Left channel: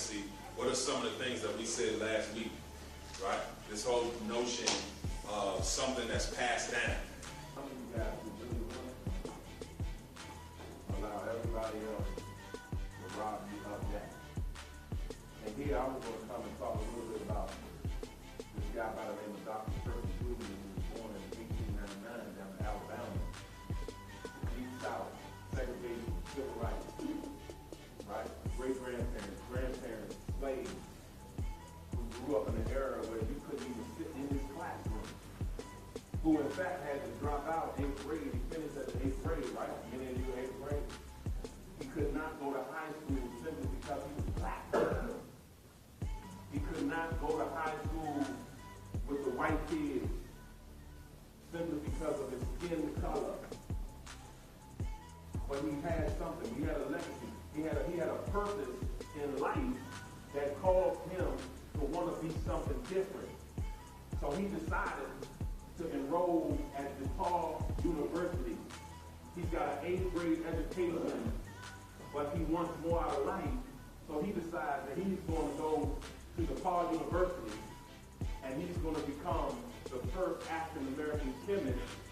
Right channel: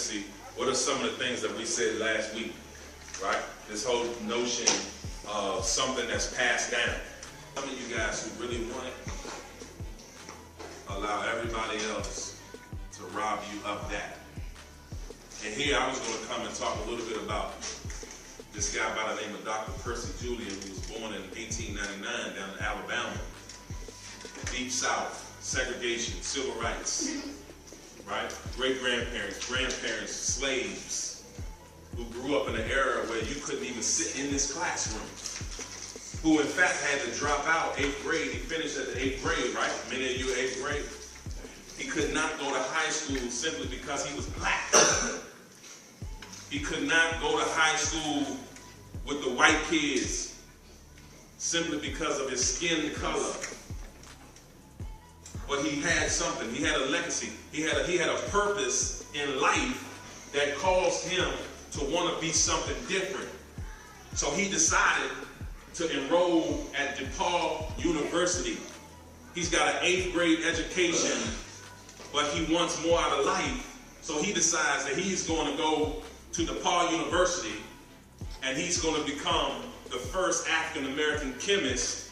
legacy, what are some of the things that we said last week, right? This whole notion of something that's passed down. Some of you guys who really want it, allow everybody else to rob you of that. And here I was going to come and talk a little bit about this guy by the name of Dr. Percy Julian, who was born in 1899 down in Alabama. Deep South, segregation, civil rights, right? Great-grandparents, grandparents, slaves, who grew up in an era where you couldn't even sit in this classroom, who in fact had to drop out 8th grade. He finished at the 8th grade, right? Many of you 8th grade. He could not go to high school simply because he was black. He could not go to high school with the white kids simply because of his skin color. But he had something. He had a legacy. He had a purpose in life that caused him to want to be something different. So he decided to enroll at DePaul University. He's got an 8th grade education, but he wants more out of life. So he decides that he's going to go to DePaul University and he's going to become the first African-American chemist.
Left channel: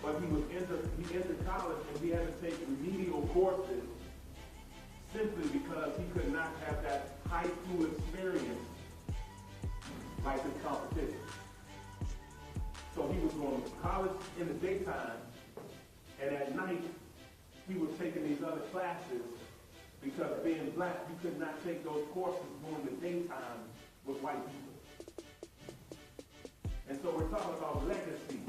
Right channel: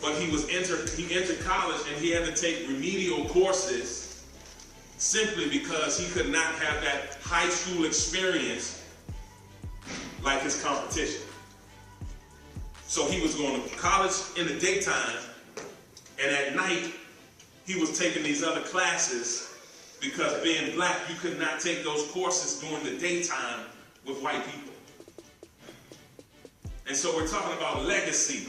But he entered college and he had to take remedial courses simply because he could not have that high school experience like his competition. So he was going to college in the daytime, and at night he was taking these other classes because being black, you could not take those courses during the daytime with white people. And so we're talking about legacy.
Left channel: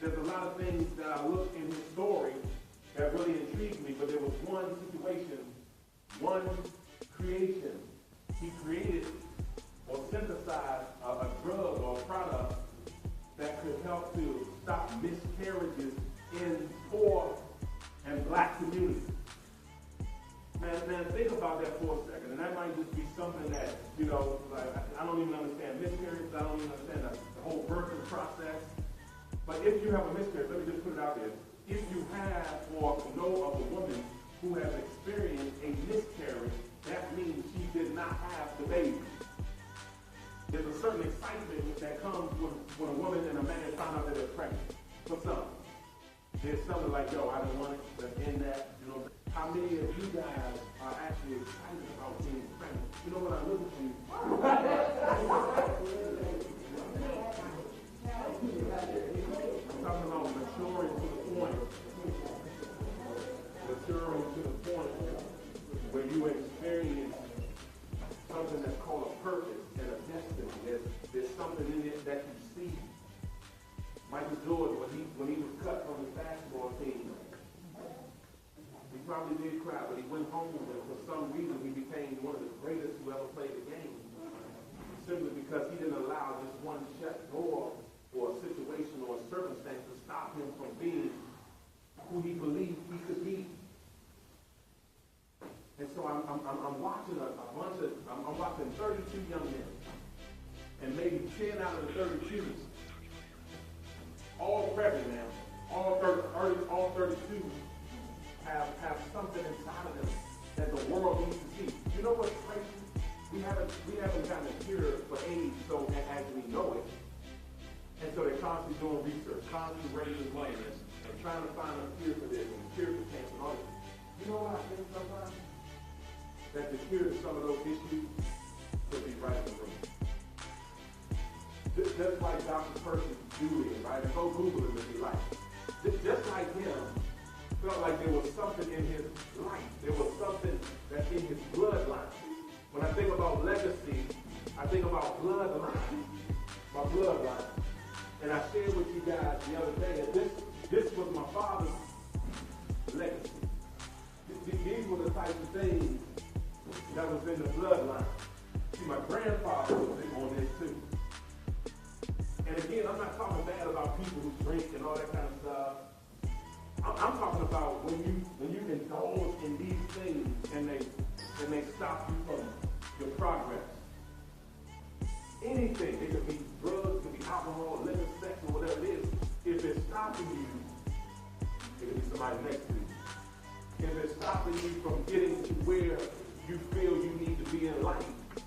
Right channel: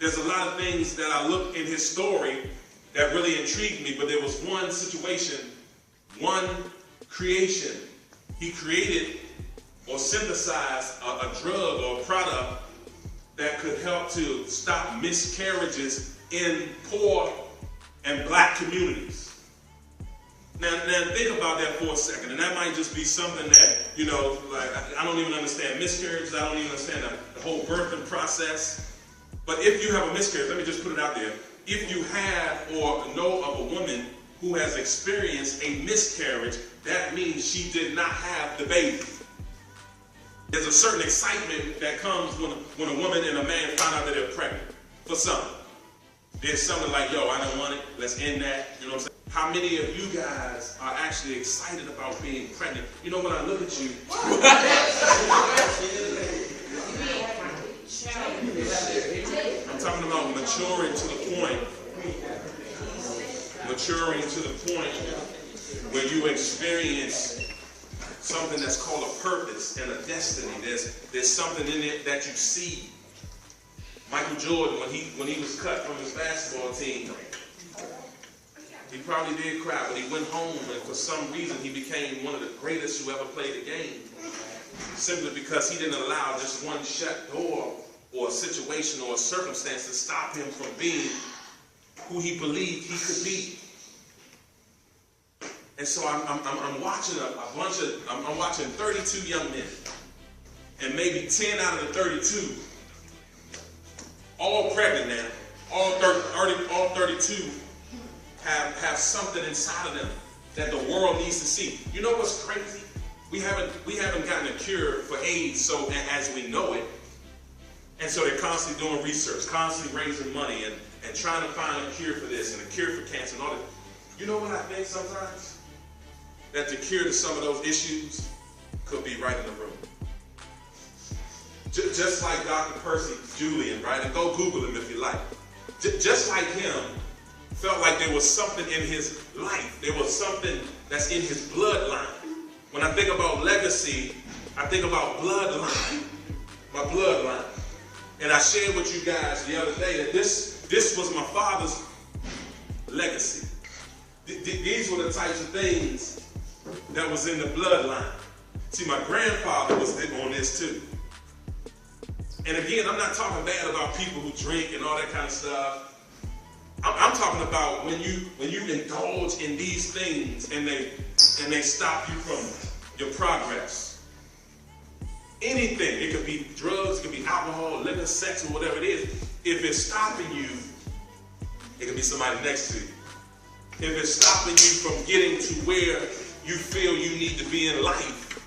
There's a lot of things that I look in his story that really intrigued me, but there was one situation, one creation. He created or synthesized a drug or a product that could help to stop miscarriages in poor and black communities. Now think about that for a second, and that might just be something that, you know, like I don't even understand miscarriages, I don't even understand the whole birthing process. But if you have a miscarriage, let me just put it out there. If you have or know of a woman who has experienced a miscarriage, that means she did not have the baby. There's a certain excitement that comes when a woman and a man find out that they're pregnant for something. There's something like, yo, I don't want it, let's end that, you know what I'm saying? How many of you guys are actually excited about being pregnant? You know, when I look at you, I'm talking about maturing to the point where you experience something that's called a purpose and a destiny. There's something in it that you see. Michael Jordan, when he was cut from his basketball team, he probably did cry, but he went home and for some reason he became one of the greatest who ever played the game. Simply because he didn't allow just one shut door or a situation or a circumstance to stop him from being who he believed he could be. And so I'm watching I'm watching 32 young men, and maybe 10 out of the 32, all pregnant now, all 32 have something inside of them that the world needs to see. You know what's crazy? We haven't gotten a cure for AIDS, so as we know it. And so they're constantly doing research, constantly raising money and trying to find a cure for this and a cure for cancer and all that. You know what I think sometimes? That the cure to some of those issues could be right in the room. Just like Dr. Percy Julian, right? And go Google him if you like. Just like him, felt like there was something in his life. There was something that's in his bloodline. When I think about legacy, I think about bloodline. My bloodline. And I shared with you guys the other day that this was my father's legacy. These were the types of things that was in the bloodline. See, my grandfather was on this too. And again, I'm not talking bad about people who drink and all that kind of stuff. I'm talking about when you indulge in these things and they stop you from your progress. Anything, it could be drugs, it could be alcohol, liquor, sex, or whatever it is. If it's stopping you, it could be somebody next to you. if it's stopping you from getting to where you feel you need to be in life,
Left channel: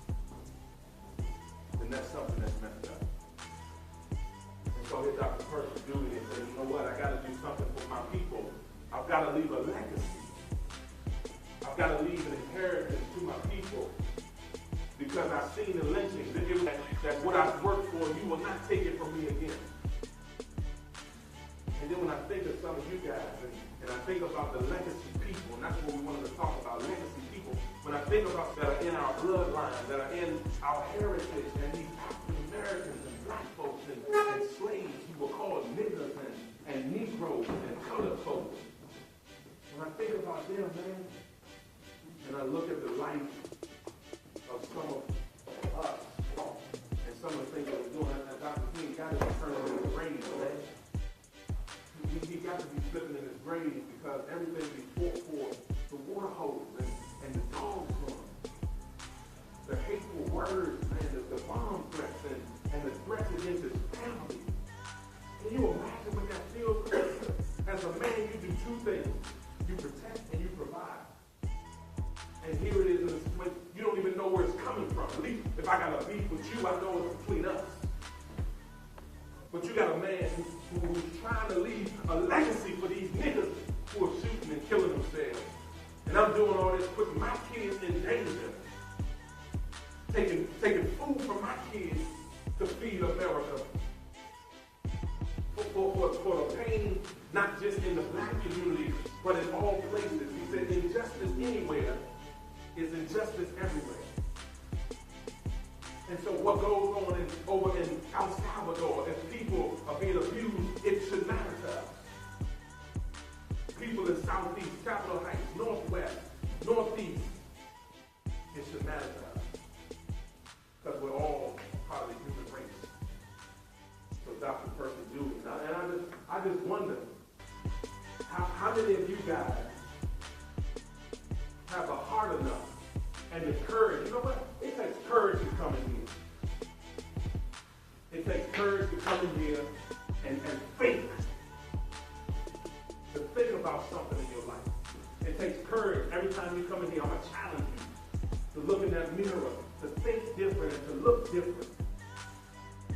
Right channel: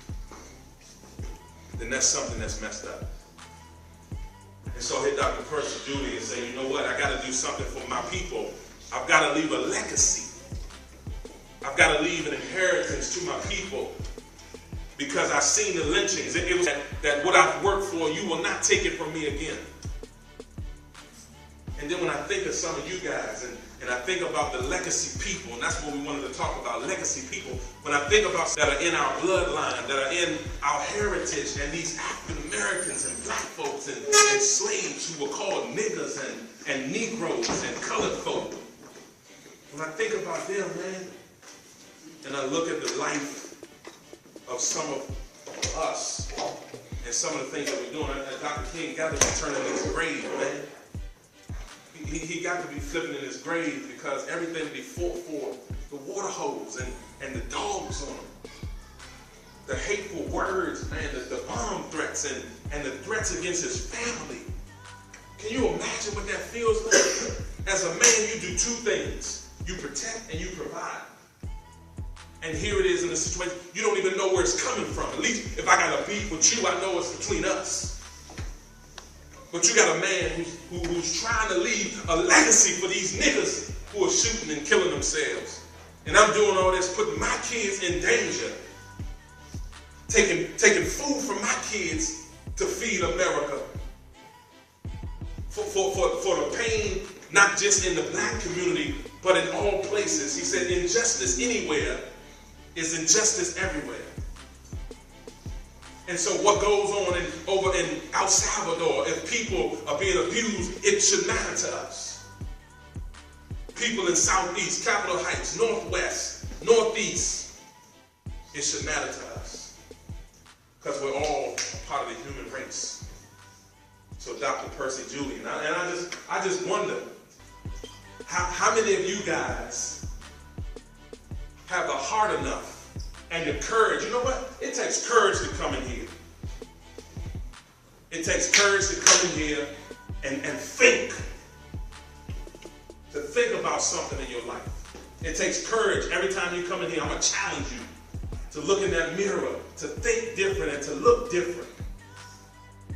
then that's something that's messed up. And so I hit Dr. Percy Judy and say, you know what, I got to do something for my people. I've got to leave a legacy. I've got to leave an inheritance to my people, because I've seen the lynchings. It was that what I've worked for, you will not take it from me again. And then when I think of some of you guys, and I think about the legacy people, and that's what we wanted to talk about, legacy people. When I think about that are in our bloodline, that are in our heritage, and these African Americans and black folks and slaves who were called niggers and Negroes and colored folk. When I think about them, man, and I look at the life of some of us and some of the things that we're doing, Dr. King got to be turning in his grave, man. He got to be flipping in his grave, because everything before the water hose and the dogs on him, the hateful words, man, the bomb threats and the threats against his family. Can you imagine what that feels like? As a man, you do two things. You protect and you provide. And here it is in a situation, you don't even know where it's coming from. At least if I got a beef with you, I know it's between us. But you got a man who's trying to leave a legacy for these niggas who are shooting and killing themselves. And I'm doing all this, putting my kids in danger. Taking food from my kids to feed America. For the pain, not just in the black community, but in all places. He said, injustice anywhere is injustice everywhere. And so what goes on over in El Salvador, if people are being abused, it should matter to us. People in Southeast, Capitol Heights, Northwest, Northeast, it should matter to us. Because we're all part of the human race. So Dr. Percy Judy, and I just wonder, how many of you guys have the heart enough and the courage? You know what? It takes courage to come in here. It takes courage to come in here and think. To think about something in your life. It takes courage. Every time you come in here, I'm going to challenge you to look in that mirror, to think different and to look different.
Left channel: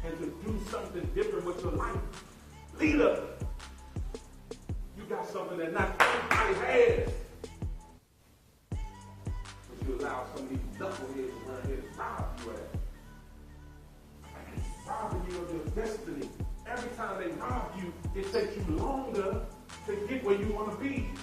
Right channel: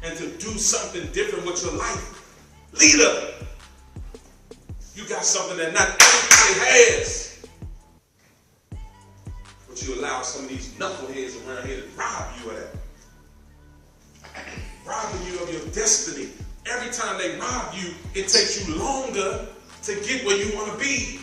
And to do something different with your life. Leader, you got something that not everybody has. But you allow some of these knuckleheads around here to rob you of that. Robbing you of your destiny. Every time they rob you, it takes you longer to get where you want to be.